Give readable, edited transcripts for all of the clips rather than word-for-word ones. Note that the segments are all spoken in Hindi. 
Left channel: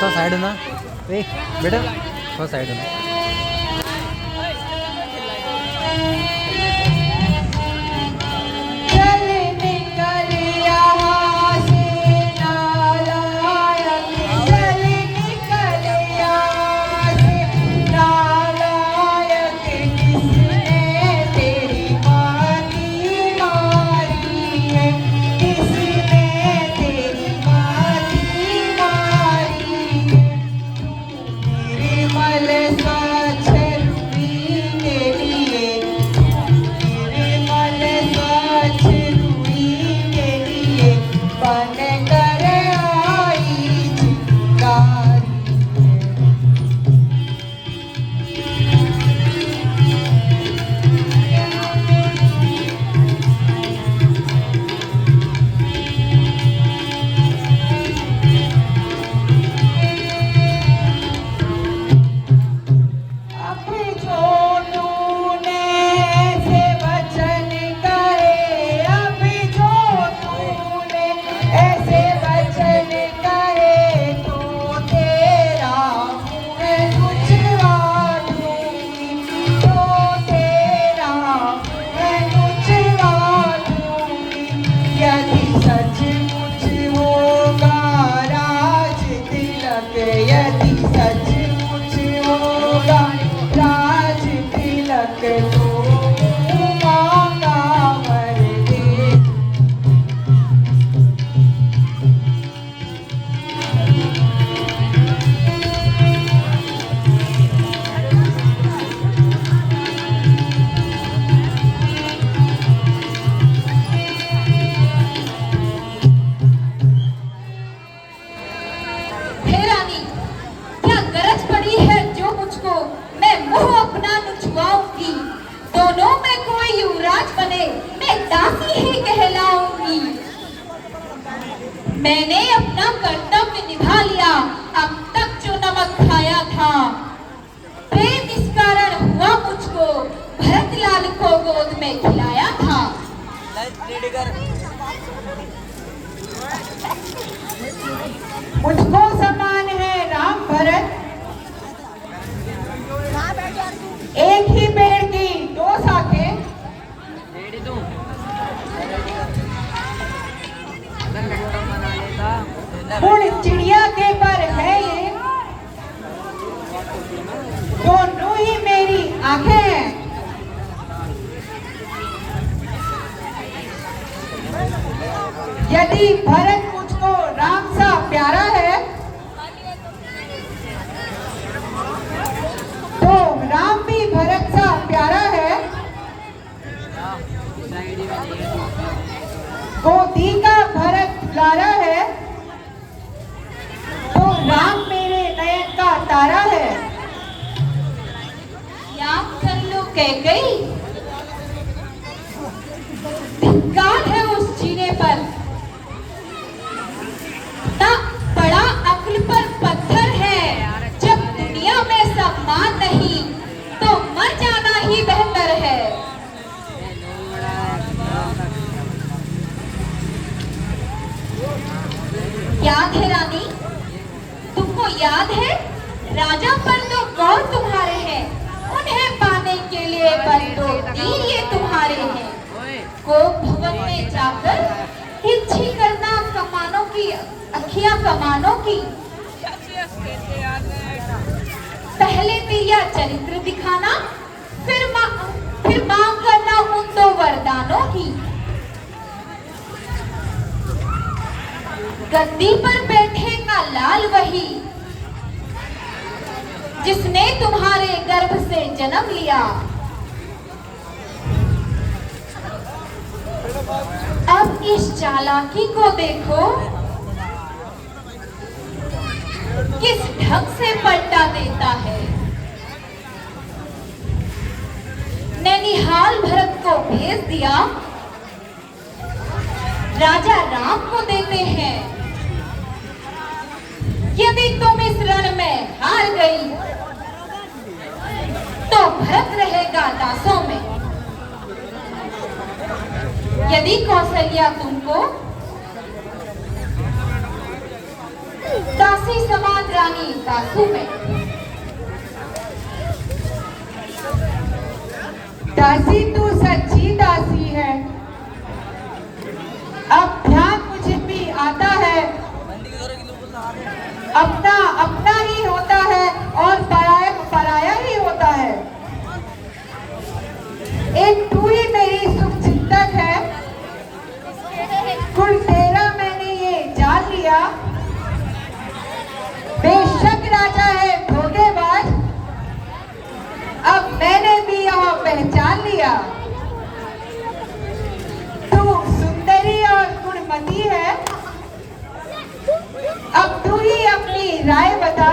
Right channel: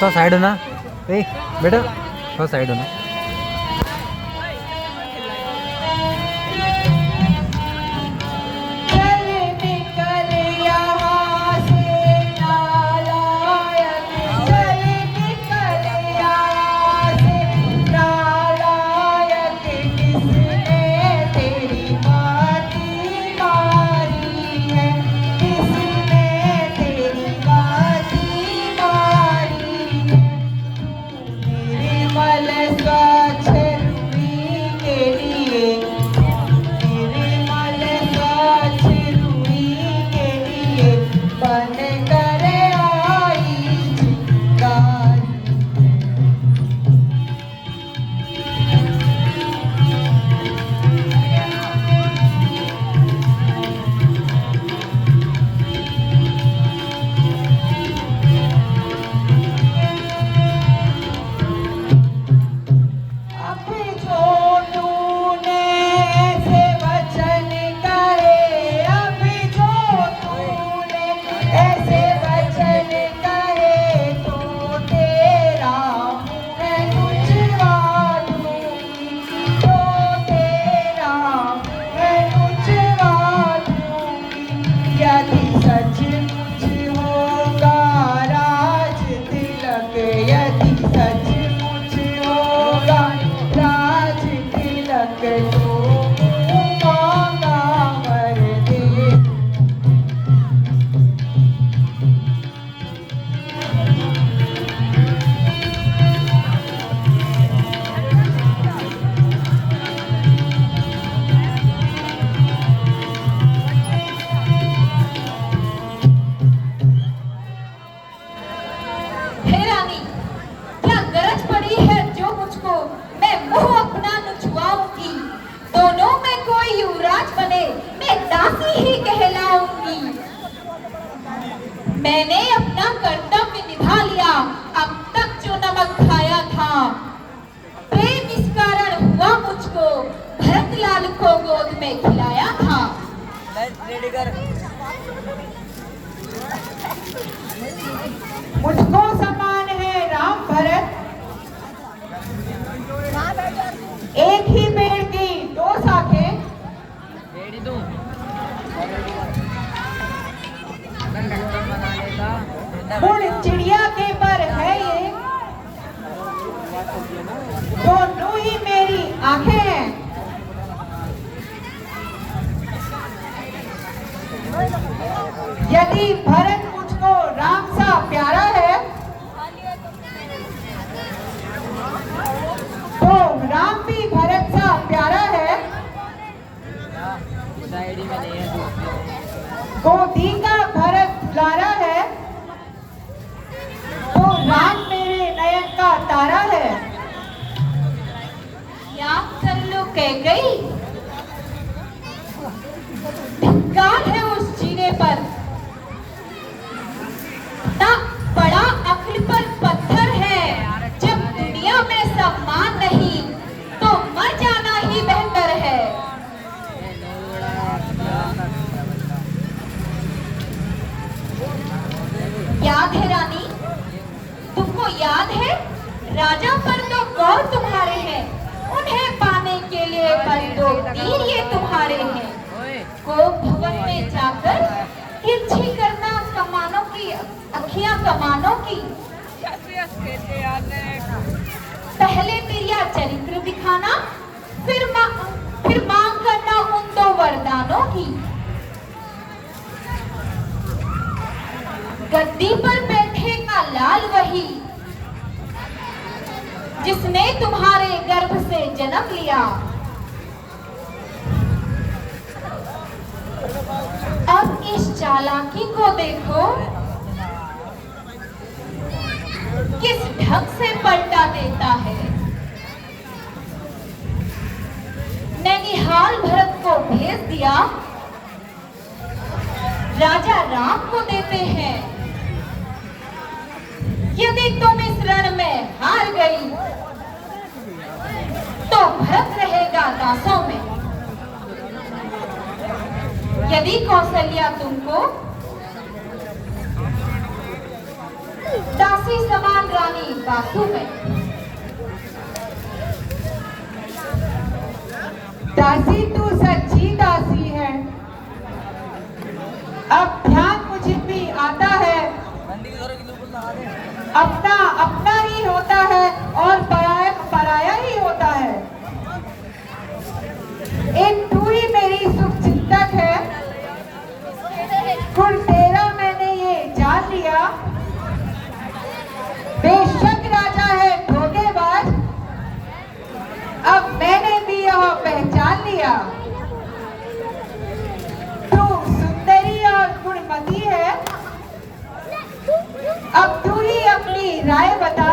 तो साइड ना बेटा तो साइड ना Let's go. मैंने अपना कर्तव्य निभा लिया। अब तक जो नमक खाया था, प्रेम इस कारण हुआ मुझको, भरतलाल को गोद में खिलाया था। मुझको समान है राम भरत, एक ही पेड़ की दो शाखें। उड़ चिड़िया के पर है ये, दोनों ही मेरी आंखें हैं। यदि भरत मुझको राम सा प्यारा है, तो राम भी भरत सा प्यारा है। गोदी का भरत प्यारा है, तो राम मेरे नयन का तारा है। याद कर लो कैकेयी, धिक्कार है उस जीने पर। ना बड़ा अक्ल पर पत्थर है, जब दुनिया में सम्मान नहीं तो मर जाना ही बेहतर है। याद है रानी, तुमको याद है? राजा पर तो गौर तुम्हारे हैं, उन्हें पाने के लिए पर दो तीर ये तुम्हारे हैं। कोप भवन में जाकर तिरछी करना कमानों की, अखियां कमानों की। पहले तेरा चरित्र दिखाना, फिर मांग करना उन दो वरदानों की। गद्दी पर बैठेगा लाल वही, जिसने तुम्हारे गर्भ से जन्म लिया। अब इस चालाकी को देखो, किस ढंग से पलटा देता है। नैनिहाल भरत को भेज दिया, राजा राम को देते हैं। यदि तुम इस रण में हार गई, तो भरत रहेगा दासों में। यदि कौशल्या तुमको दासी समान रानी बासु में। दासी तू सच्ची दासी है, अब ध्यान मुझे भी आता है। अपना अपना ही होता है और पराया पराया ही होता है। एक तू ही मेरी सुख चिंतक है, कुल तेरा मैंने ये जान लिया। बेशक राजा है धोखेबाज, अब मैंने भी यह पहचान लिया। तू सुंदरी और गुणमती है, अब तू ही अपनी राय बता।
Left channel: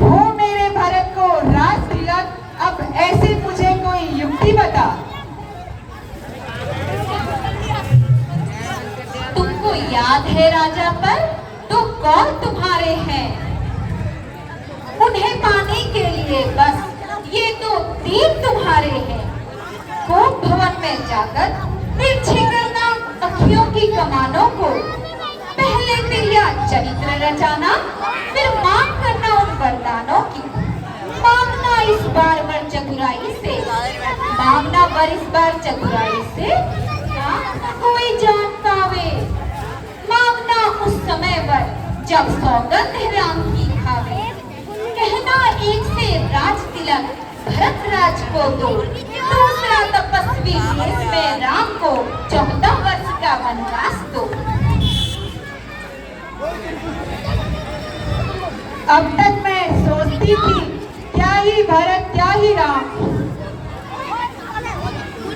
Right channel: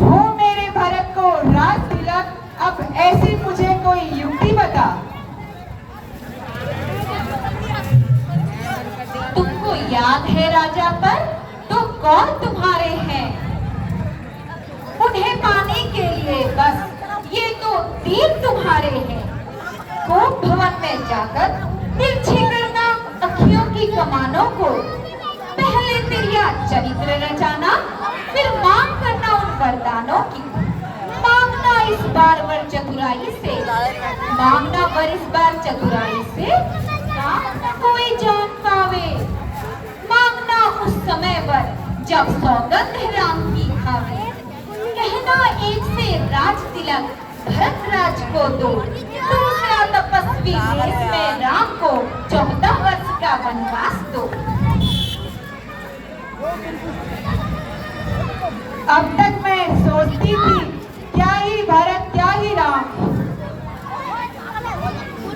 हो मेरे भरत को राज तिलक, अब ऐसे मुझे कोई युक्ति बता। तुमको याद है राजा पर तो कौन तुम्हारे हैं। उन्हें पाने के लिए बस ये तो तीर तुम्हारे हैं। कोप भवन में जाकर तिरछी करना अखियों की कमानों को। पहले तेरा चरित्र रचाना, फिर मांग करना उन वरदानों की। मांगना इस बार वर चतुराई से, मांगना वर इस बार चतुराई से, कोई जान पावे। मांगना उस समय पर जब सौगंध राम की खावे। कहना एक से राज तिलक भरत राज को दो, दूसरा तपस्वी देश में राम को 14 वर्ष का वनवास दो। अब तक मैं सोचती थी, क्या ही भरत क्या ही राम,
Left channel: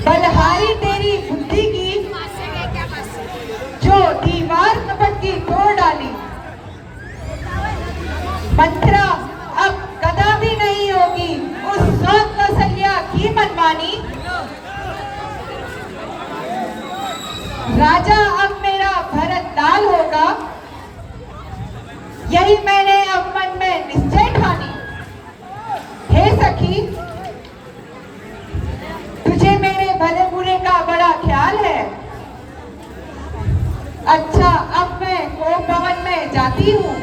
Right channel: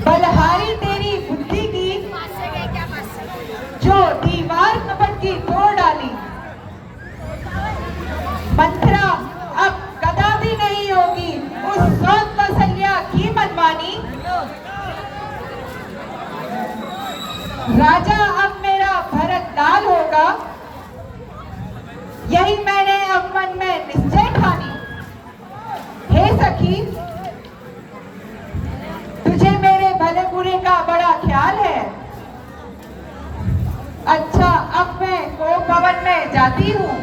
बलहारी तेरी बुद्धि की, जो दीवार कपट की तोड़ डाली। मंत्रा अब कदापि नहीं होगी उस सौत कौशल्या की मनमानी। राजा अब मेरा यही मैंने अब मन में निश्चय ठानी। हे सखी, तुझे मेरे भले बुरे का बड़ा ख्याल है। अच्छा, अब मैं कोप भवन में जाती हूँ।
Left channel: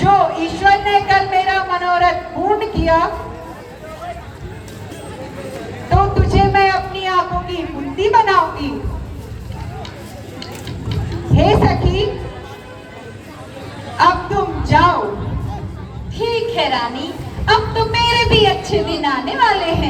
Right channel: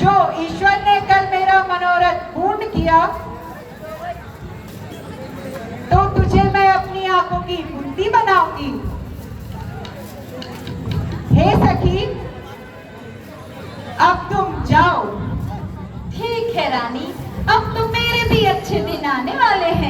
जो ईश्वर ने कल मेरा मनोरथ पूर्ण किया, तो तुझे मैं अपनी आंखों की बुद्धि बनाऊंगी। हे सखी, अब तुम जाओ। ठीक है रानी, अब तो मेरे भी अच्छे दिन आने वाले हैं।